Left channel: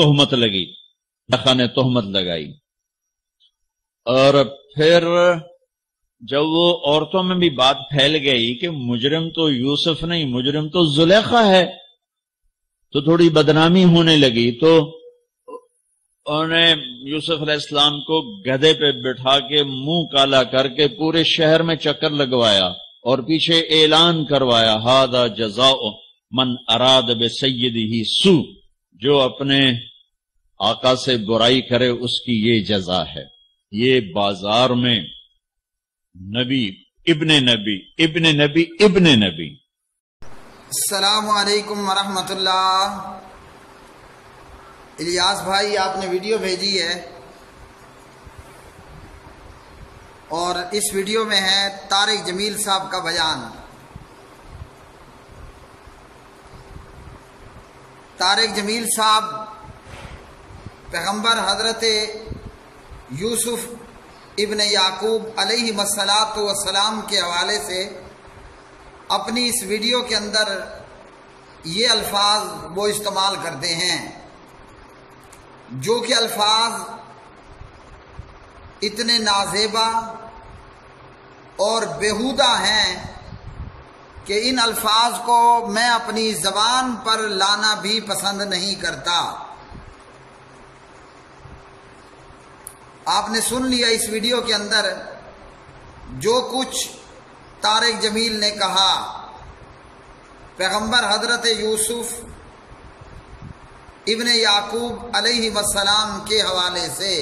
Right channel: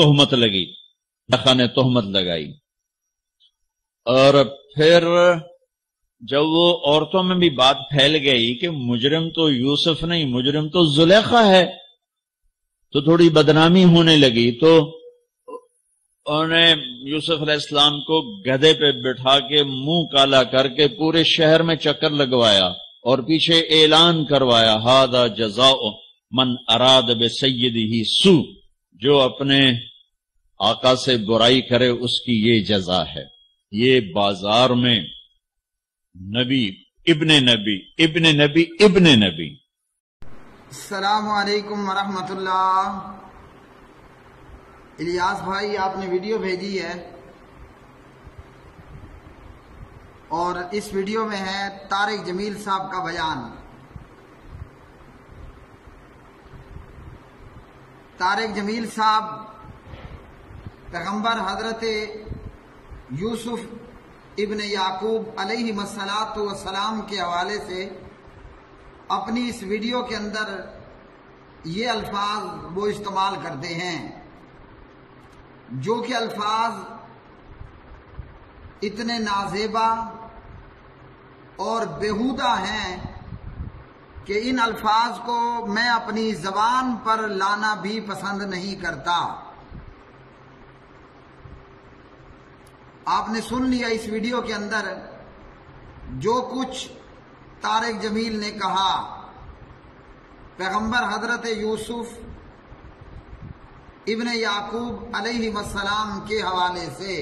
تہمت لگی، زلیخا نے تہمت لگائی، اور پھر جب وہ عورتوں میں بھی بات پھیل گئی کہ مجرم تو یوسف نہیں، مجرم تو زلیخا ہے، تو تھوڑی بدنامی ہونے لگی، تو انہوں نے یوسف علیہ السلام کو گدھے پہ بٹھا کے منہ کالا کر کے پورے شہر میں چکر لگوایا اور پیچھے اعلان کروایا ھذا جزاء من اراد بسیدہ سوء، جو اپنے آقا سے برائی کرے اس کی یہ جزا ہے۔ یہ بازار میں نبی ابن نبی ابن نبی ابن نبی۔ السلام علیکم ورحمۃ اللہ۔ الیاس بھائی آپ نے ویڈیو بھیجی ہے اور اس ویڈیو میں ہے طارق جمیل صاحب کا بیان۔ طارق جمیل صاحب پیغمبر حضرت یوسف ابن یعقوب علیہ السلام کے حوالے سے اپنی اس ویڈیو کے اندر یہ الفاظ وہ استعمال کرتے ہیں جو کہ الفاظ اتنے نازیبا اور بیہودہ ہیں کہ ان الفاظ کو میں اپنی زبان پر لانا بھی پسند نہیں کرتا۔ آپ نے سن لیا اس ویڈیو کے اندر جو کچھ طارق جمیل نے کہا پیغمبر حضرت یوسف ابن یعقوب علیہ السلام کے حوالے سے۔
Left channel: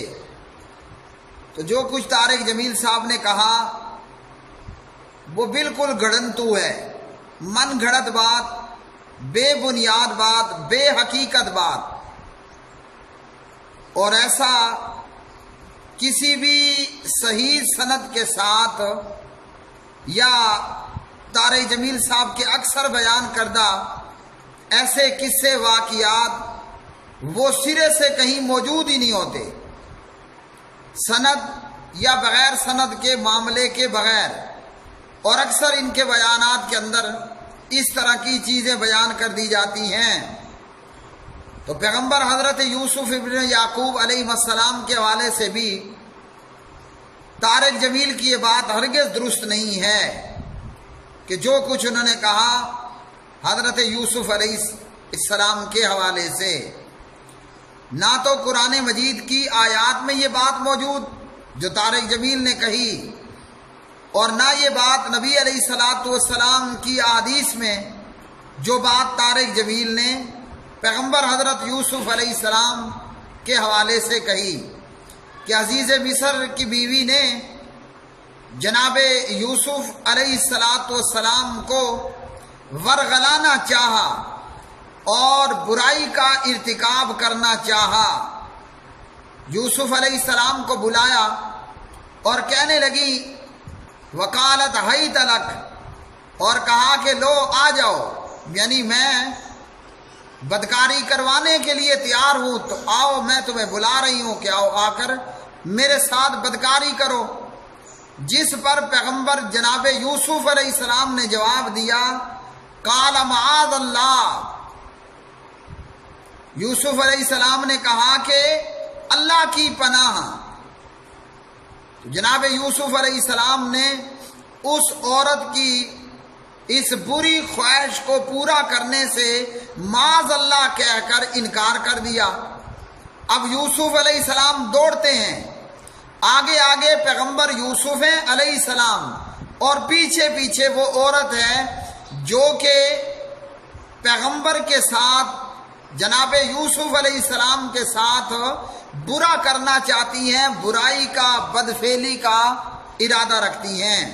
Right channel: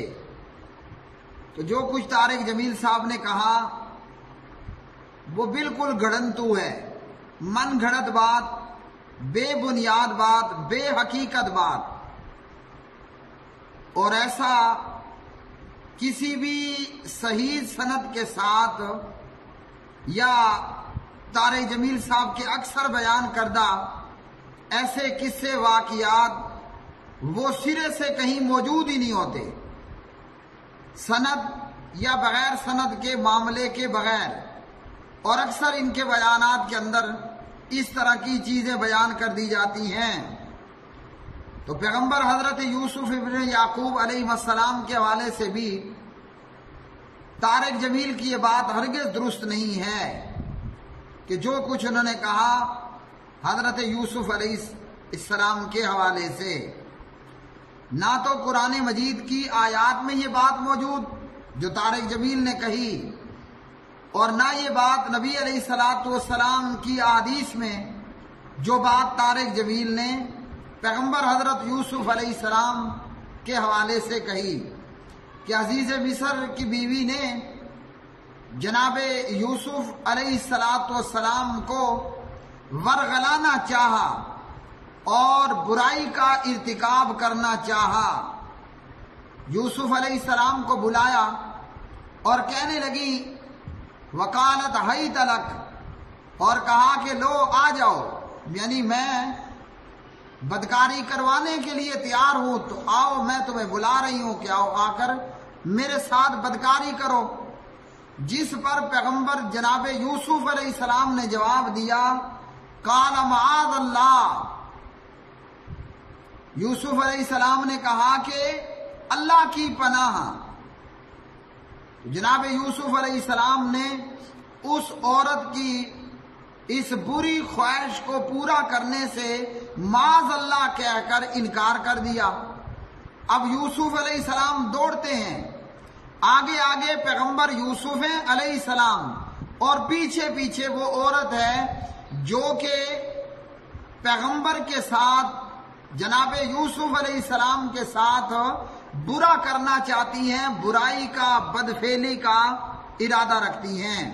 تو جو کچھ طارق جمیل صاحب نے کہا وہ بالکل گڑنتو ہے، من گھڑت بات، بے بنیاد بات، بے حقیقت بات، اور ایسا کسی بھی صحیح سند کے ساتھ یا طارق جمیل صاحب کے اکثر بیان کردہ ایسے قصے واقعات وہ سرے سے کہیں موجود ہی نہیں ہوتے، سند یا بغیر سند کے معاملے کے بغیر، اور اکثر ان کے بیانات کے اندر اس طرح کی چیزیں بیان کر دی جاتی ہیں۔ تو پیغمبر حضرت یوسف ابن یعقوب علیہ السلام کے حوالے سے بھی طارق جمیل کی یہ بات ہرگز درست نہیں ہے کہ جو کچھ انہوں نے کہا حضرت یوسف علیہ السلام کے حوالے سے، نہ تو قرآن مجید کی آیات میں یہ بات موجود جو طارق جمیل نے کہی، اور نہ یہ بات نبی علیہ السلام کی احادیث میں جو بات طارق جمیل نے پیغمبر حضرت یوسف علیہ السلام کے حوالے سے کہی کہ عزیز مصر کی بیوی نے جناب یوسف علیہ السلام کو ورغلانا چاہا اور برائی کا ارتکاب کرنا چاہا۔ یوسف علیہ السلام کو بلایا اور کہنے لگی وکالت حیت لک، اور کہا کہ لو آ جاؤ، یعنی میں بدکاری کروانے کے لیے تیار ہوں، تو آؤ، میں تمہیں بلا رہی ہوں کہ آؤ، آ کر میرے ساتھ بدکاری کرو۔ جس پر پیغمبر جناب یوسف علیہ السلام نے جواب دیا قال معاذ اللہ، یوسف علیہ السلام نے کہا کہ اللہ کی پناہ۔ تو جناب یوسف علیہ السلام نے اس عورت کی اس بری خواہش کو پورا کرنے سے معاذ اللہ کہہ کر انکار کر دیا۔ اب یوسف علیہ السلام دوڑتے ہیں، آگے آگے پیغمبر یوسف ہیں علیہ السلام اور پیچھے پیچھے وہ عورت ہے جو کہ پیغمبر کے ساتھ جناب یوسف علیہ السلام کے ساتھ برا کرنا چاہتی ہیں، برائی کا، بدفعلی کا ارادہ رکھتی ہیں۔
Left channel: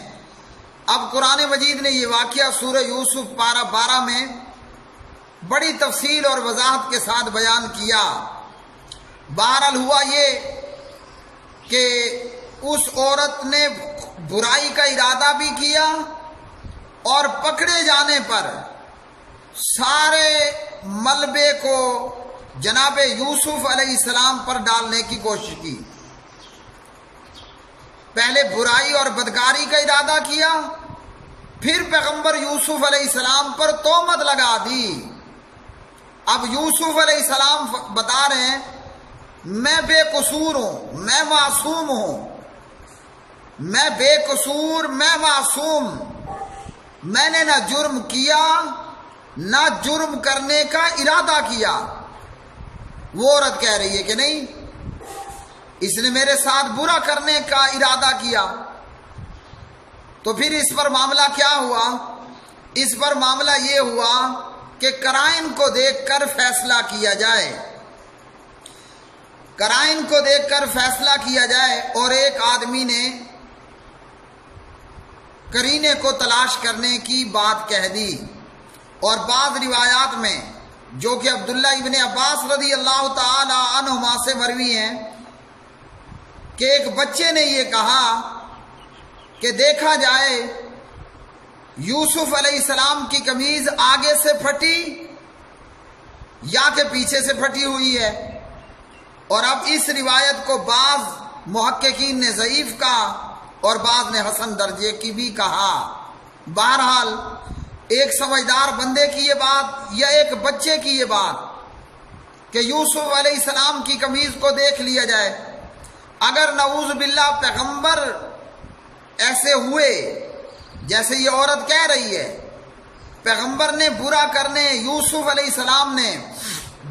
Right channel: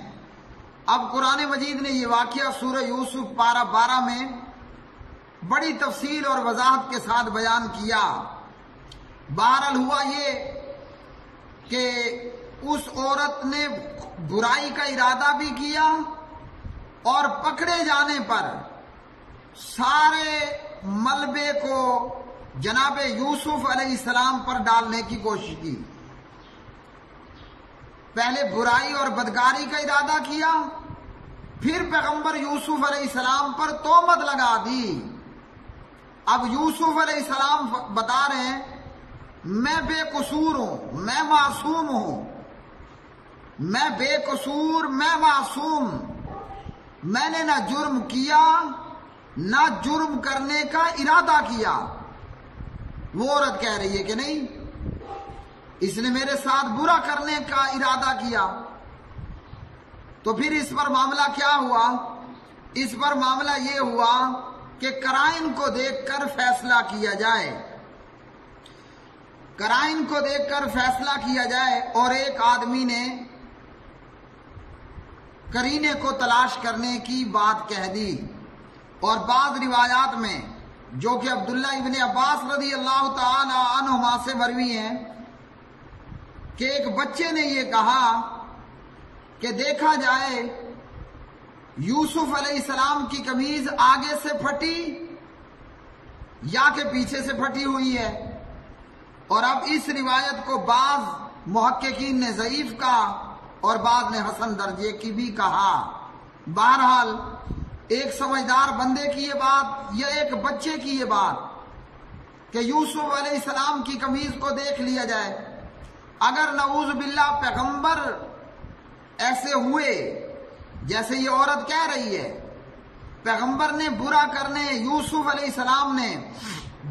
اب قرآن مجید نے یہ واقعہ سورہ یوسف پارہ 12 میں بڑی تفصیل اور وضاحت کے ساتھ بیان کیا۔ بہرحال ہوا یہ کہ اس عورت نے برائی کا ارادہ بھی کیا اور پکڑے جانے پر سارے ملبے کو جناب یوسف علیہ السلام پر ڈالنے کی کوشش کی۔ پہلے برائی اور بدکاری کا ارادہ کیا، پھر پیغمبر یوسف علیہ السلام پر تہمت لگا دی، اب یوسف علیہ السلام بتا رہے ہیں میں بے قصور ہوں، میں معصوم ہوں، میں بے قصور، میں معصوم، میں نے نہ جرم کیا نہ جرم کرنے کا ارادہ کیا۔ وہ عورت کہہ رہی ہے کہ نہیں، اس نے میرے ساتھ برا کرنے کا ارادہ کیا۔ تو پھر اس پر معاملہ کیا ہوا؟ اس پر معاملہ یہ ہوا کہ قرائن کو دیکھ کر فیصلہ کیا جائے، قرائن کو دیکھ کر فیصلہ کیا جائے۔ اور ایک آدمی نے قرینے کو تلاش کرنے کی بات کہہ دی، اور بعض روایات میں جو کہ عبداللہ ابن عباس رضی اللہ تعالی عنہما سے مروی ہیں کہ ایک بچے نے یہ کہا کہ دیکھا جائے یوسف علیہ السلام کی قمیض آگے سے پھٹی یا کہ پیچھے سے پھٹی ہوئی ہے۔ اور اب اس روایت کو بعض محققین نے ضعیف کہا اور بعض نے حسن درجے کی بھی کہا۔ بہرحال ایک سمجھدار بندے کی یہ بات یا ایک بچے کی یہ بات کہ یوسف علیہ السلام کی قمیض کو دیکھ لیا جائے، اگر نعوذ باللہ پیغمبر ایسے ہوئے جیسے یہ عورت کہہ رہی ہے، پیغمبر نے برا کرنے، یوسف علیہ السلام نے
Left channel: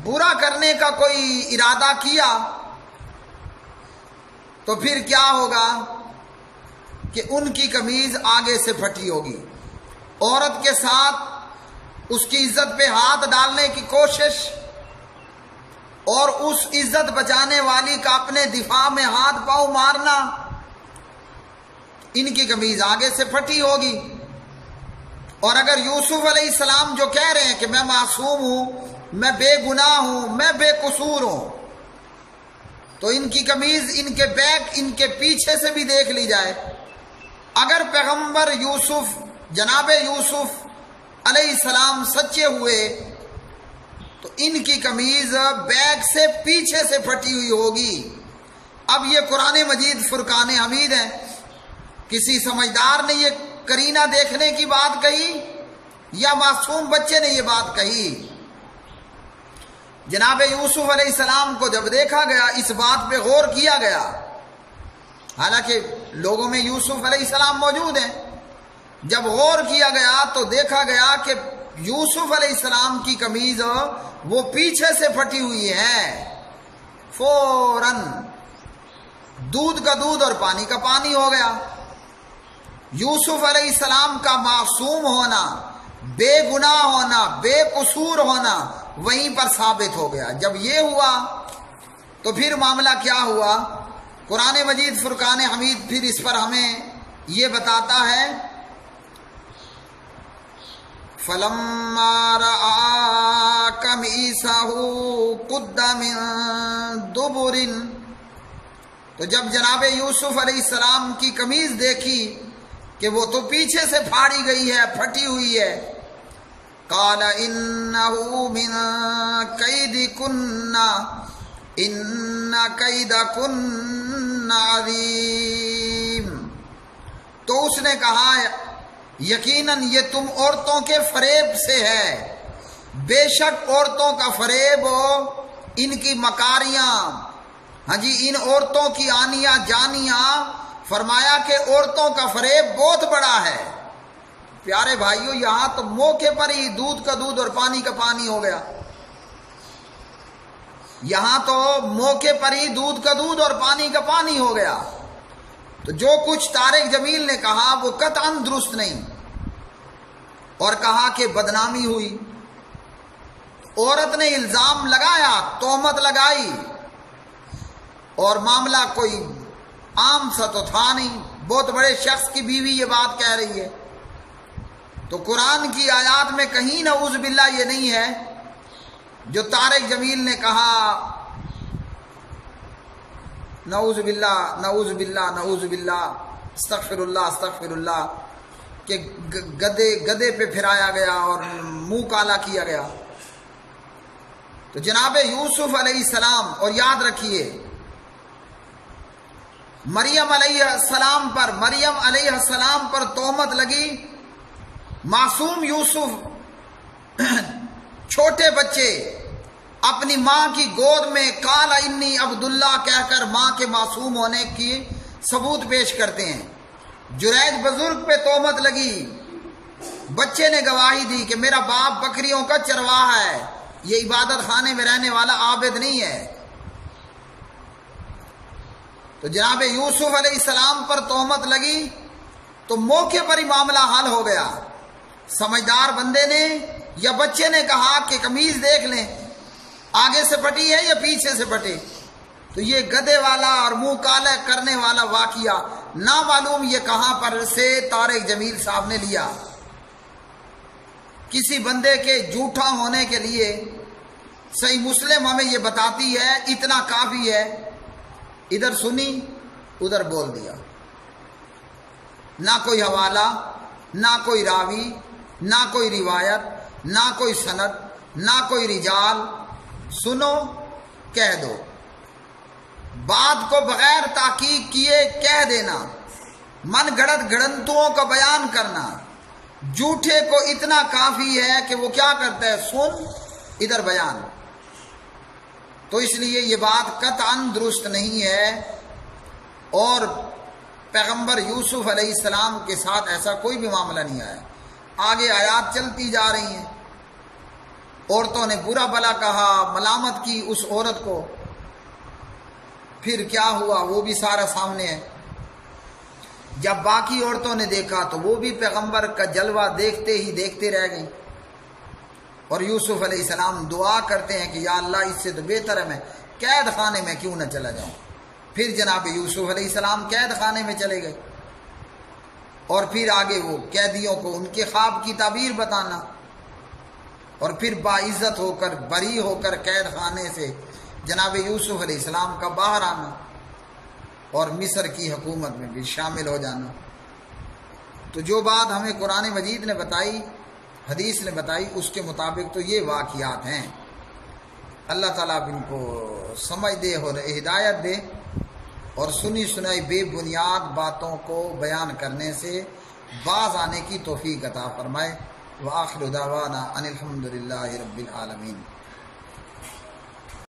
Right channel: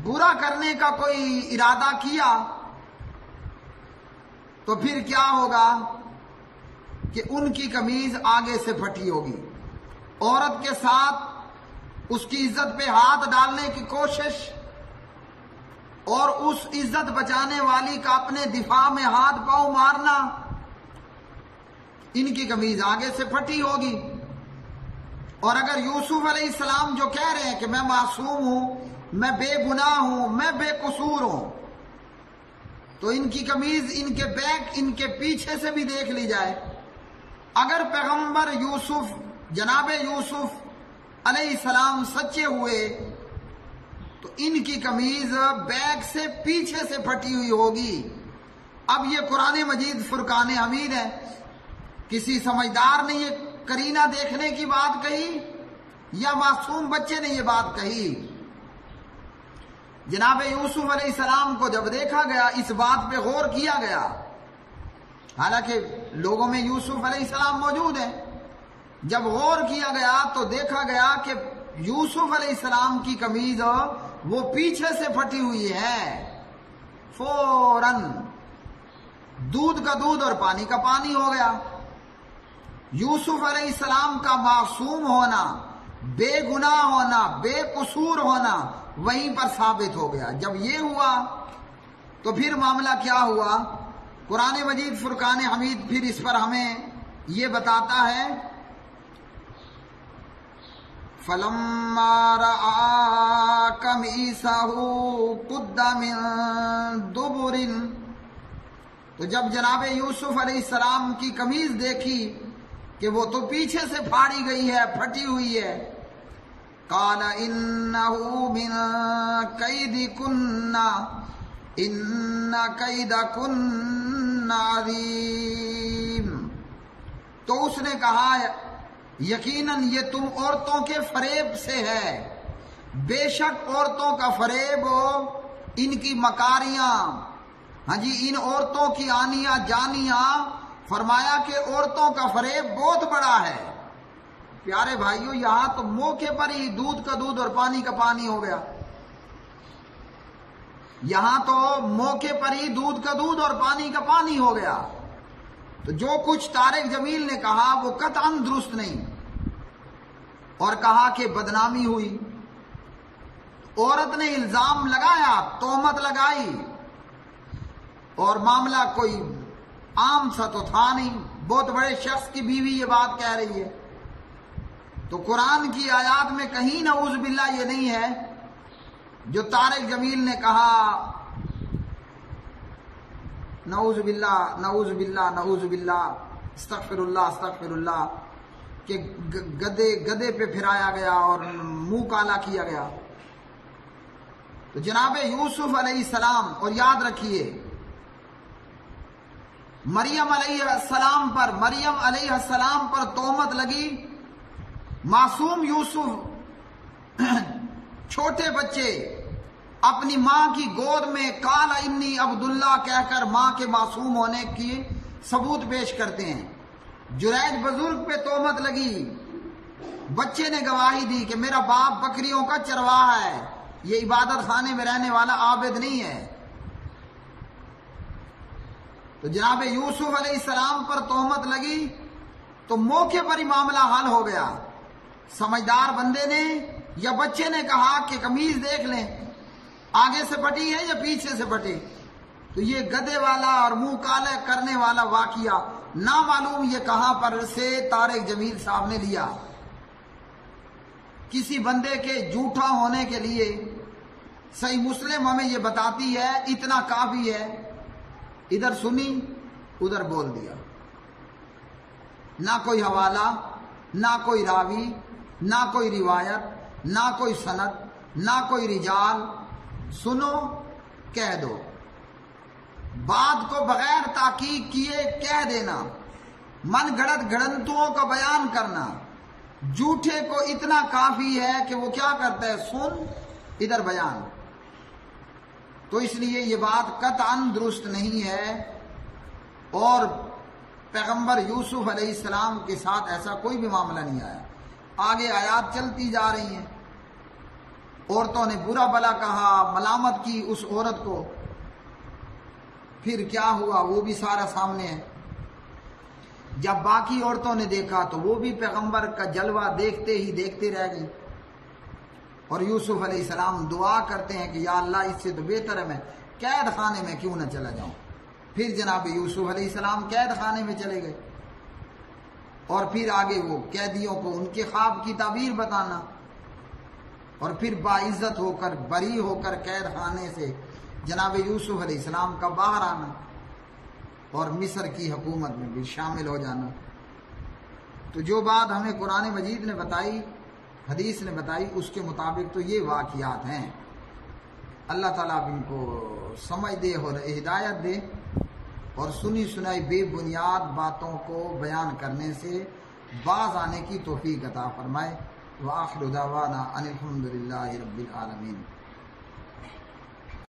برا کرنے کا کوئی ارادہ کیا، تو پھر کیا ہوگا کہ ان کی قمیض آگے سے پھٹی ہوگی۔ عورت کے ساتھ اس کی عزت پہ ہاتھ ڈالنے کی کوشش اور اس عزت بچانے والی کا اپنے دفاع میں ہاتھ پاؤں مارنا، ان کی قمیض آگے سے پھٹی ہوگی۔ اور اگر یوسف علیہ السلام جو کہہ رہے ہیں کہ میں معصوم ہوں، میں بے گناہ ہوں، میں بے قصور ہوں، تو ان کی قمیض ان کے بیک، ان کے پیچھے سے بھی دیکھ لی جائے۔ اگر پیغمبر یوسف، جناب یوسف علیہ السلام سچے ہوئے تو ان کی قمیض بیک سے پیچھے سے پھٹی ہوئی ہوگی۔ اب یہ قرآن مجید فرقان حمید ہے، کسی سمجھدار نے یہ قرینہ دیکھنے کی بات کہی یا معصوم بچے نے یہ بات کہی؟ جناب یوسف علیہ السلام کو جب دیکھا گیا، اس بات پہ غور کیا گیا، حالانکہ لوگوں میں یوسف علیہ السلام موجود ہیں، جب غور کیا گیا تو دیکھا گیا کہ یوسف علیہ السلام کی قمیض وہ پیچھے سے پھٹی ہوئی ہے۔ فوراً دودھ کا دودھ اور پانی کا پانی ہو گیا۔ یوسف علیہ السلام کا معصوم ہونا، بے گناہ ہونا، بے قصور ہونا وہیں پر ثابت ہو گیا۔ جب یہ ہوا تو پھر معاملہ کیا ہوا؟ قرآن مجید فرقان حمید پھر اس پر ہمیں یہ بتاتا ہے، فَلَمَّا رَأَىٰ قَمِيصَهُ قُدَّ مِن دُبُرٍ، تو جب جناب یوسف علیہ السلام کی قمیض دیکھی کہ وہ تو پیچھے سے پھاڑی گئی ہے، پھٹی ہوئی ہے، قَالَ إِنَّهُ مِن كَيْدِكُنَّ إِنَّ كَيْدَكُنَّ عَظِيمٌ، تو اس نے کہا یقیناً یہ تم عورتوں کے فریب سے ہے، بے شک عورتوں کا فریب، ان کی مکاریاں، ہاں جی، ان عورتوں کی آنیاں جانیاں، فرمایا کہ عورتوں کا فریب بہت بڑا ہے۔ پیارے بھائیوں، یہاں تو موقع پر ہی دودھ کا دودھ اور پانی کا پانی ہو گیا، یہاں تو موقع پر ہی دودھ کا دودھ اور پانی کا پانی ہو گیا۔ تو جو کچھ طارق جمیل نے کہا وہ قطعاً درست نہیں، اور کہا کہ بدنامی ہوئی۔ تو عورت نے الزام لگایا، تہمت لگائی، اور معاملہ کوئی عام سا تو تھا نہیں، بہت بڑے شخص کی بیوی یہ بات کہہ رہی ہے۔ تو قرآن کی آیات میں کہیں نعوذ باللہ یہ نہیں ہے جو طارق جمیل نے کہا، نعوذ باللہ نعوذ باللہ نعوذ باللہ، استغفر اللہ استغفر اللہ، کہ گدے پہ پھرایا گیا اور منہ کالا کیا گیا۔ تو جناب یوسف علیہ السلام، اور یاد رکھیے مریم علیہ السلام پر تہمت لگی، معصوم یوسف چھوٹے بچے اپنی ماں کی گود میں قال انی عبداللہ کہہ کر ماں کے معصوم ہونے کی ثبوت پیش کرتے ہیں۔ جریج بزرگ پہ تہمت لگی، بچے نے گواہی دی کہ میرا باپ بکریوں کا چرواہا ہے، یہ عبادت خانے میں رہنے والا عابد نہیں ہے۔ تو جناب یوسف علیہ السلام پر تہمت لگی تو موقع پر ہی معاملہ حل ہو گیا۔ سمجھدار بندے نے یا بچے نے کہا کہ قمیض دیکھ لیں آگے سے پھٹی ہے یا پیچھے سے پھٹی، تو یہ گدھے والا اور منہ کالا کرنے والا واقعہ نہ معلوم یہ کہاں پر سے طارق جمیل صاحب نے لیا۔ کسی بندے کے جھوٹا ہونے کے لیے صحیح مسلم ہمیں یہ بتاتی ہے اتنا کافی ہے، ادھر سنی ادھر بول دیا، نہ کوئی حوالہ، نہ کوئی راوی، نہ کوئی روایت، نہ کوئی سند، نہ کوئی رجال، سنو کہہ دو، بات کو بغیر تحقیق کیے کہہ دینا، من گھڑت گھڑنتوں کا بیان کرنا، جھوٹے کو اتنا کافی ہے کہ وہ کیا کرتا ہے، سن ادھر بیان۔ تو اس لیے یہ بات قطعاً درست نہیں ہے، اور پیغمبر یوسف علیہ السلام کے ساتھ ایسا کوئی بھی معاملہ نہیں آیا۔ آگے آیات چلتی جا رہی ہیں، عورتوں نے برا بھلا کہا، ملامت کی اس عورت کو، پھر کیا ہوا وہ بھی سارا سامنے ہے۔ جب باقی عورتوں نے دیکھا تو وہ بھی پیغمبر کا جلوہ دیکھتے ہی دیکھتے رہ گئیں، اور یوسف علیہ السلام دعا کرتے ہیں کہ یا اللہ اس سے تو بہتر ہے میں قید خانے میں کیوں نہ چلا جاؤں۔ پھر جناب یوسف علیہ السلام قید خانے میں چلے گئے، اور پھر آگے وہ قیدیوں کو ان کے خواب کی تعبیر بتانا، اور پھر باعزت ہو کر بری ہو کر قید خانے سے جناب یوسف علیہ السلام کا باہر آنا، اور مصر کی حکومت میں بھی شامل ہو جانا۔ تو جو بات ہمیں قرآن مجید نے بتائی، حدیث نے بتائی، اس کے مطابق تو یہ واقعات ہیں۔ اللہ تعالیٰ ان کو سمجھ دے اور ہدایت دے، اور سنی سنائی بے بنیاد باتوں کو بیان کرنے سے باز آنے کی توفیق عطا فرمائے۔ وآخر دعوانا ان الحمد للہ رب العالمین۔